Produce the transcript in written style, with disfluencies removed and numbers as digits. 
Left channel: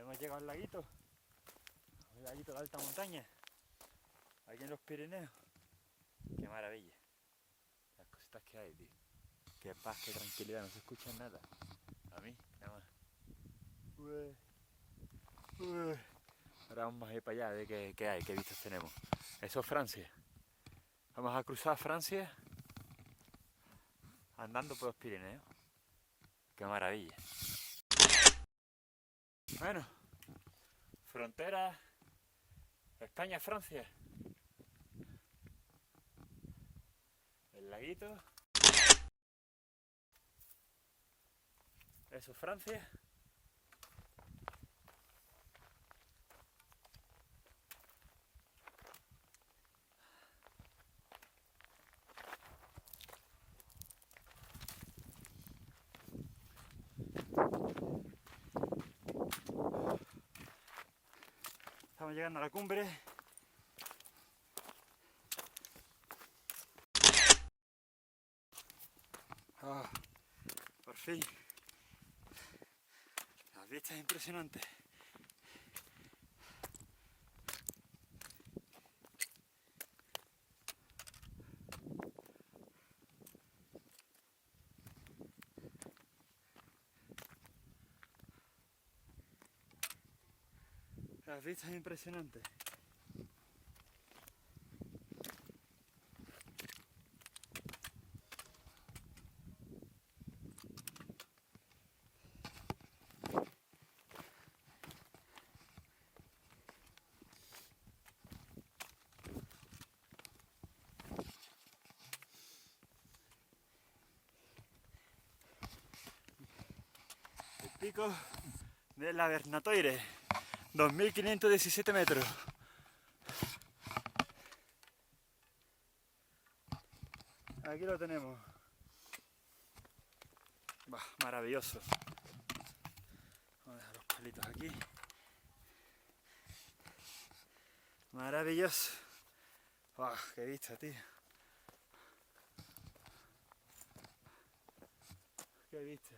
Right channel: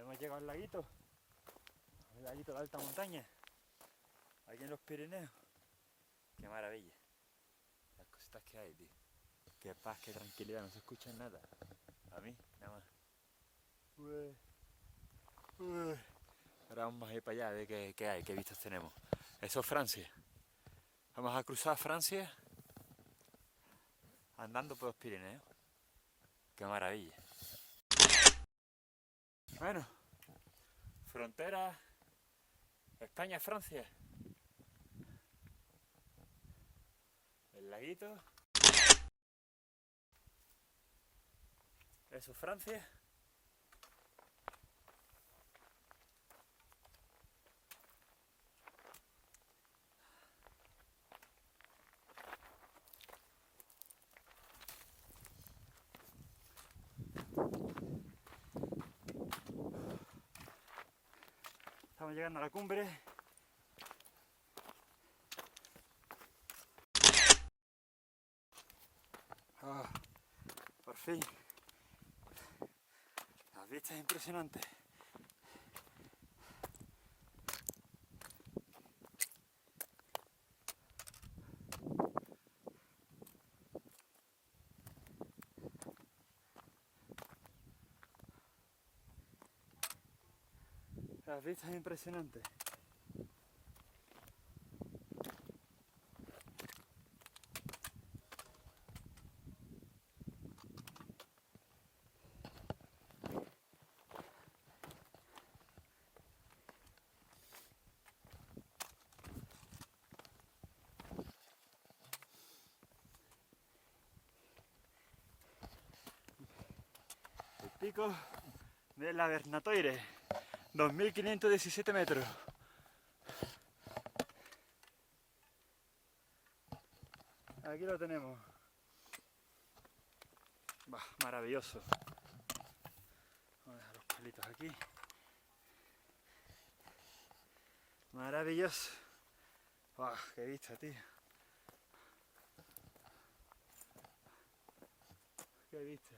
Hemos llegado al laguito de alta montaña, aquí en los Pirineos. Qué maravilla, las cositas que hay, tío. Qué paz, qué tranquilidad, no se escucha nada. A mí, nada más. Ahora vamos a ir para allá a ver qué hay, qué vistas tenemos. Eso es Francia. Vamos a cruzar Francia andando por los Pirineos. Qué maravilla. Bueno, frontera España-Francia. El laguito. Eso es Francia. Estamos llegando a la cumbre. Por fin. Las vistas impresionantes. Las vistas impresionantes. El pico de la Vernatoire, 2517 metros. Aquí lo tenemos. Bah, maravilloso. Vamos a dejar los palitos aquí. Maravilloso. Bah, qué vista, tío. Qué vista.